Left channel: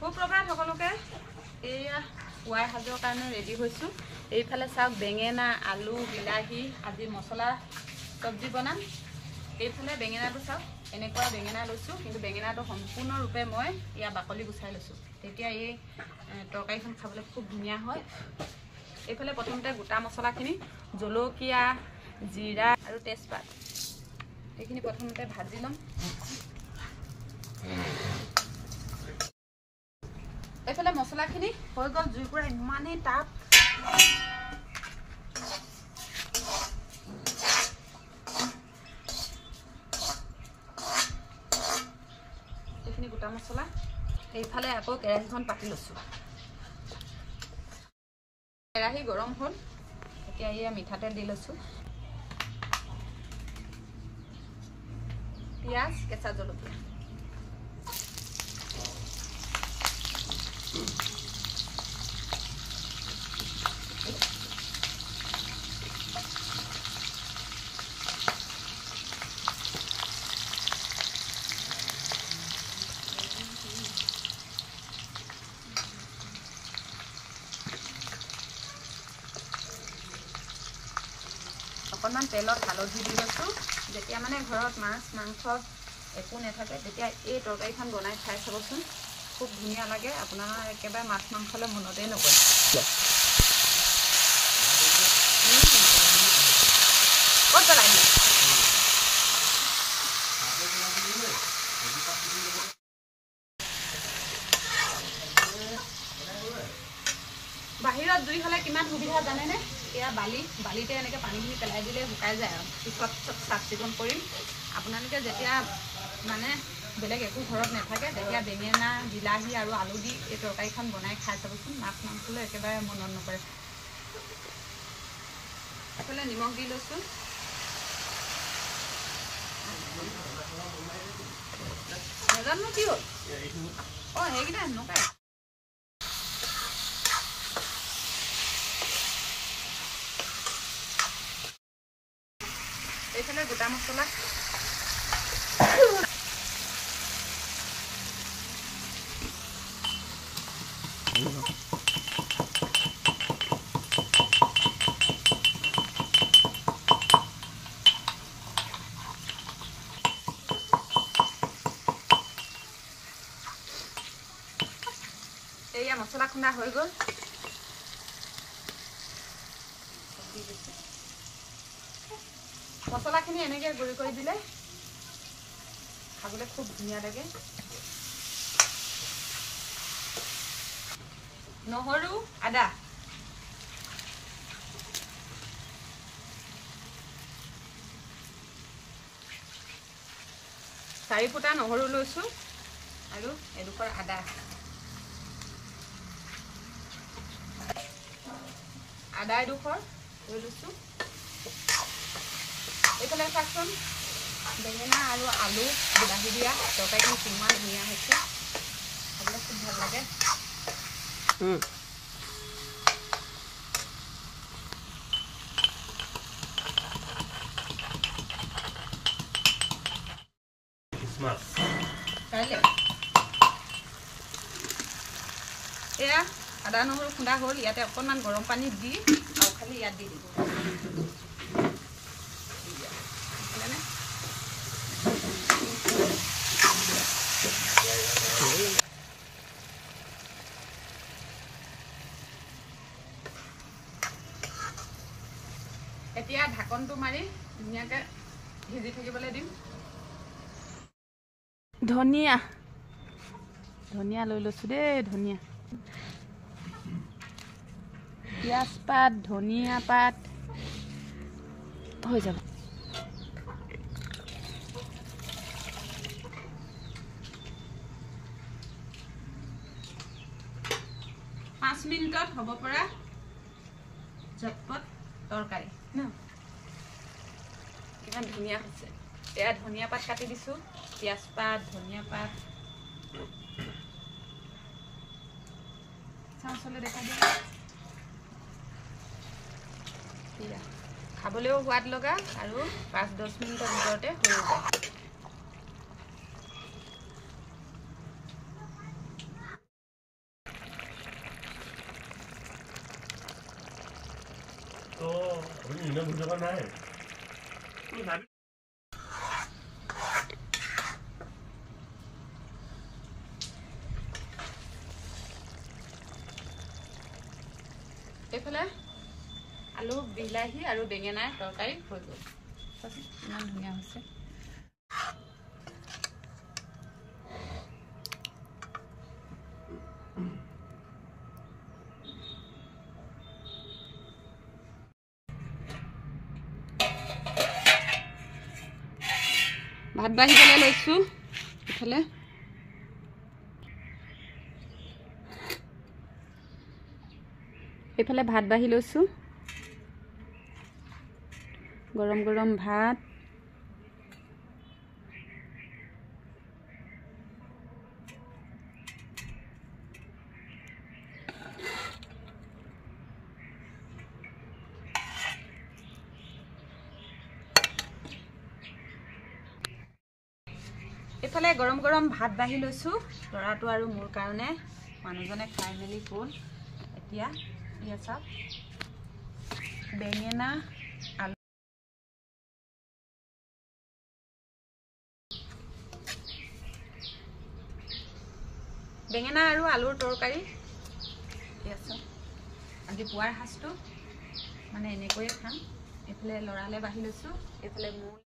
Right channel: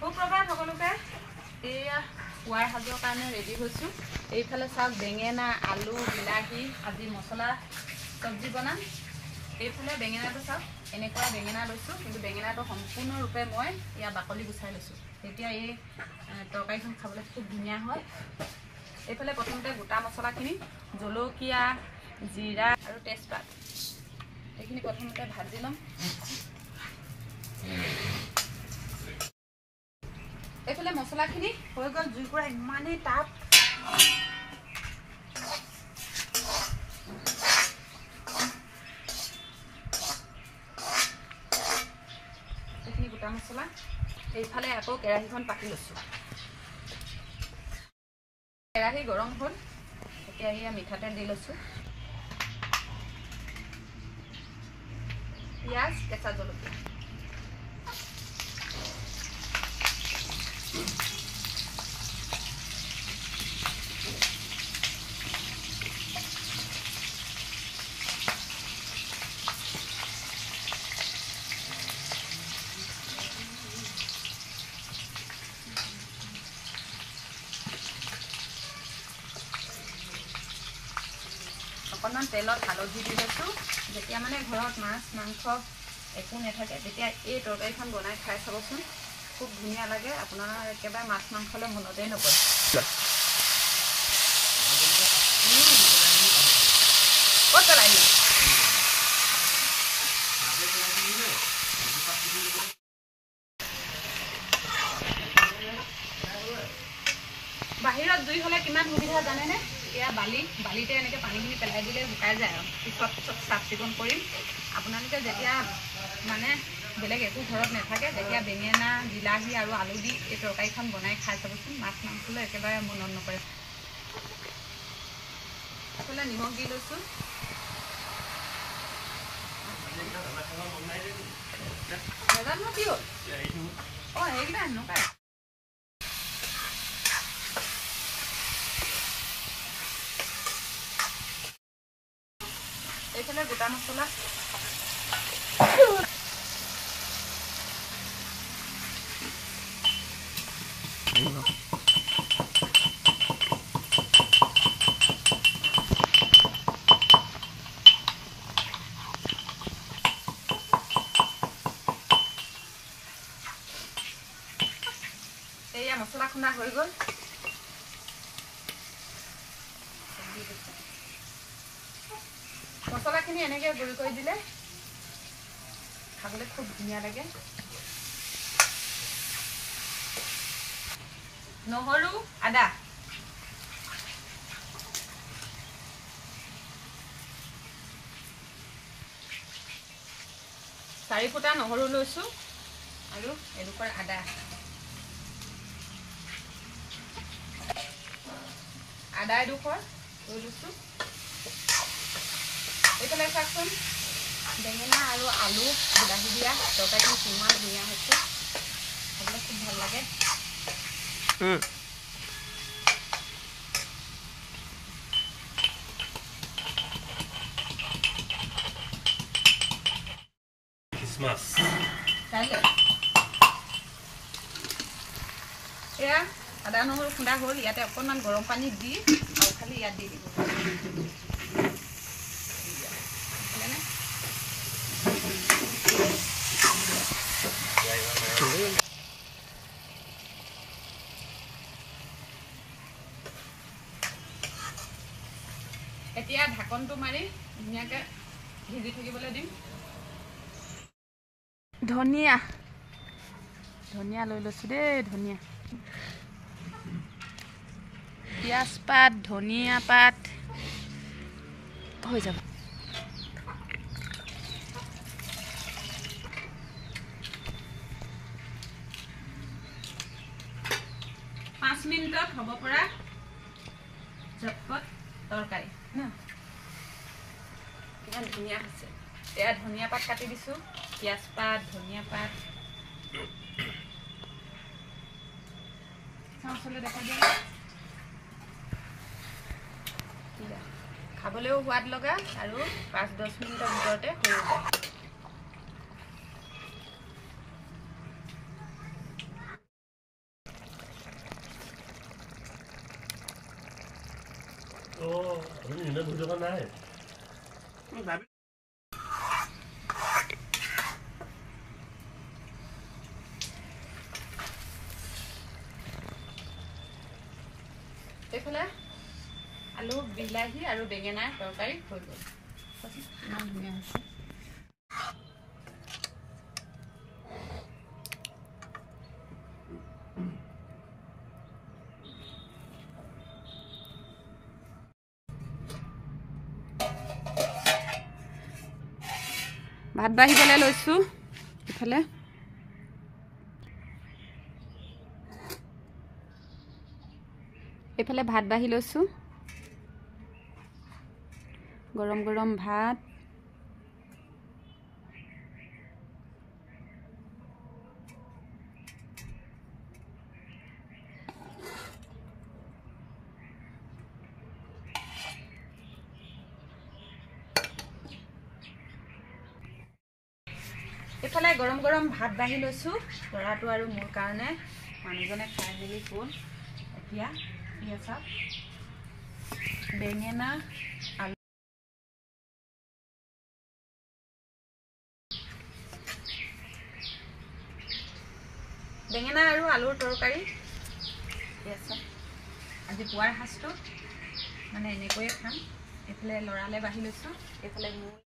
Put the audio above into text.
সুপ্ৰভাত সকলোকে এয়া পুৱাৰ সাজৰ কাৰণে ৰেডি হৈছোঁ। এইফালে চাওক বেঙেনা আলু বিলাহী আজি মছলা চব্জি বনাম। এইফালে বেঙেনাটো চাওক এনেকুৱা বেঙেনা লৈছোঁ, কিন্তু বেঙেনাটো সম্পূৰ্ণৰূপে মই ইয়াৰ বাকলি গুচাই লৈছোঁ, তেতিয়া এই তৰকাৰীখন খাবলৈ খুব ধুনীয়া হয়। এইফালে প্ৰথমতে গোটা মছলাখিনি জলকীয়া জিৰা আৰু তেজপাত এইখিনি প্ৰথমতে ভাজি ল'ম। এইফালে মছলাখিনি হৈ গ'ল, জুইৰ পৰা ইমানেই তাপ। এইখিনি গোটা মছলা। এইফালে আকৌ কেৰাহীখন পাতি লৈছোঁ। কেৰাহী গৰম হ'ল, এতিয়া এয়া মিঠাতেল দি লৈছোঁ। পিঁয়াজ কেঁচা জলকীয়া অকণমান তেলত হালধি দি লৈছোঁ। যেতিয়া মানে ঘৰত মাছ মাংস একো নাথাকে তেতিয়া এই তৰকাৰীখন বনাই খাই চাবচোন, খুব ধুনীয়া লাগে। আপোনাৰ একেবাৰে মাছ মাংসলৈ মনতেই নপৰে। ক'ত পেলাই দিলে? বাহিৰত জুই হ'লে কিমান সুবিধা জানেনে? এয়া বালিতে এনেকৈ পানীখিনি পেলাই দিলে শুকাই যায় আৰু পিছত চাফ চিকুণ কৰিম। আপোনালোকে যেতিয়া মানে বেলেগ একো ঘৰত নাথাকে তেতিয়া বেঙেনা বিলাহী আৰু আলু দি এই তৰকাৰীখন বনাই খাই চাবচোন, মাছ মাংসলৈ একেবাৰে মনত নপৰে। এইফালে নিমখ দি লৈছোঁ। নাজানো কি হ'ল, অঁ সেইকেইটা এনেকুৱাই। এইফালে গোটা মছলা এয়া মছলা খুন্দা হৈ গ'ল। মছলাখিনি এনেকৈ গুড়ি কৰি দিলে খাবলৈ খুব ধুনীয়া লাগে। নহৰু আদা চাৰি ফুটা নহৰু লৈছোঁ আৰু এডোখৰ আদা। আদা এডোখৰ লৈ লৈছোঁ। এইফালে চাওকচোন বেঙেনা আৰু আলু বিলাহী দিয়া তৰকাৰীখন কিমান ধুনীয়া হৈছে, খাবলৈ খুব ভাল লাগে। এয়া আদা নহৰু খুন্দা হ'ল, ইয়াতে অকণমান গৰম পানী দি আৰু খালি ইয়াত দি দিব। এতিয়া ঢাকনটো মাৰি ধুনীয়াকৈ ভিজি থাকিবলৈ দিম। ধনিয়া লৈ লৈছোঁ দেই, ধনিয়া পিঁয়াজ পাত ধনিয়া পাত হৈ যাব। পাঁচ মিনিটত হ'ব পৰা ঝটপট তৰকাৰী ন, কিমান ধুনীয়া হৈছে। এয়া ধনিয়া পাত কাটি দিছোঁ, পিঁয়াজ পাত ধনিয়া পাত চাউচলৈ দেখা দিয়ে। খাবলৈও সোৱাদ লগা আৰু 5-10 মিনিটৰ ভিতৰতে হৈ যায়। এইফালে আলু বিলাহী আৰু বেঙেনা তৰকাৰী হৈ গ'ল। ইমান ধুনীয়া হৈছে। ভাত বাঢ়িবলৈ লৈছোঁ। এইফালে ভাত বাঢ়ি লৈছোঁ। গৰম গৰম ভাত, এইফালে গৰম গৰম ভাত বাঢ়ি লৈছোঁ ল'ৰাটো আৰু মোৰ কাৰণে। মানুহজনে খাই মেলি গ'ল। এতিয়া চাওক বেঙেনা আলু আৰু আলুৰ তৰকাৰী। আজি পুৱাৰ সাজটো মানে এনেকৈয়ে খাম। এইফালে লৰালে বাঢ়ি লৈছোঁ। এইফালে মোৰ